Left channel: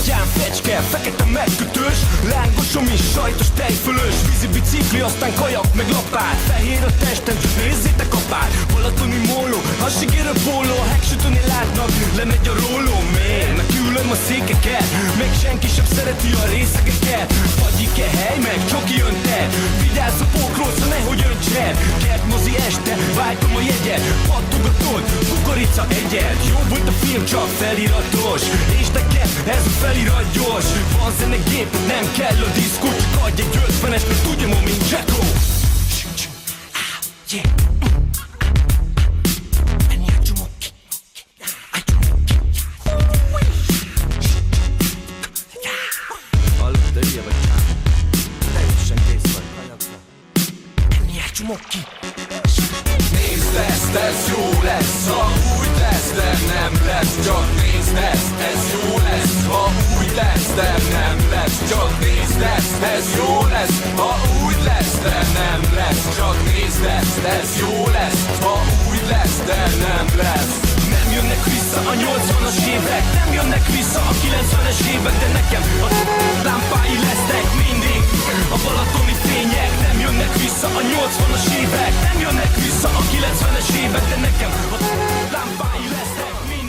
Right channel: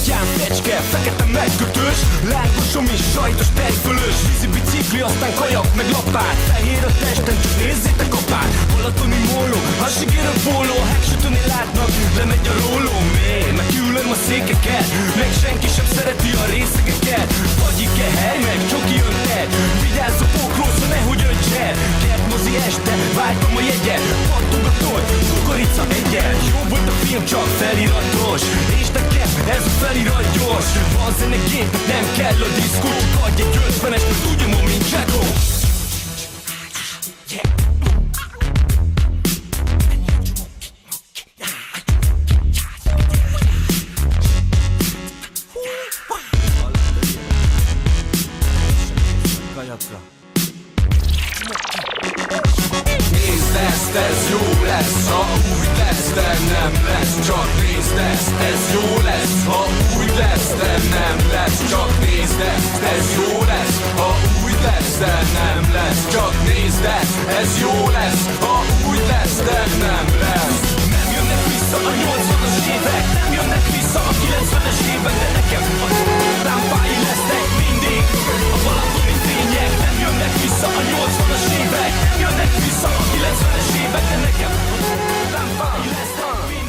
gatyán fecske, fekete megkötős, lángosom is sajtos tejfölös, vízi bicikli, aztán kajak meg lapát, fehér a testem, csak nézzétek apát. Balatoni móló, hassigérő póló, a hegsütőnél látnak, lemegy a róló, meg ülöm a székeket, meg senki sem szereti a részegeket. Fagyik-e hely, meg csoki öntet, vigyázz a pókrószra, nehogy öntsed. Kertmozi este, váltom a jegyet, pattogatod, kukorica egyet. Jó volt a film, csak feliratos, és nekem ez a felirat gyors. Van zenegépet, nem kell a diszkó, csak adj egy 50-es, mert tudja ma, mint Jacko. Nézd ezt, ez jó lesz, ha úgy lesz, de nem lesz. Csak nézd ezt, ez jó lesz, ha úgy lesz, de nem lesz. Csak nézd ezt, ez jó lesz, ha úgy lesz, de nem lesz. Csak nézd ezt, ez jó lesz, ha úgy lesz, de nem lesz. Nem jönnek vissza a 80-as évek, nem jönnek vissza a 90-es évek, de nekem a lámpái lesznek mindig. A balatoni fények nem jönnek vissza a 80-as évek, nem jönnek vissza a 90-es évek, de nekem a lámpái lesznek mindig.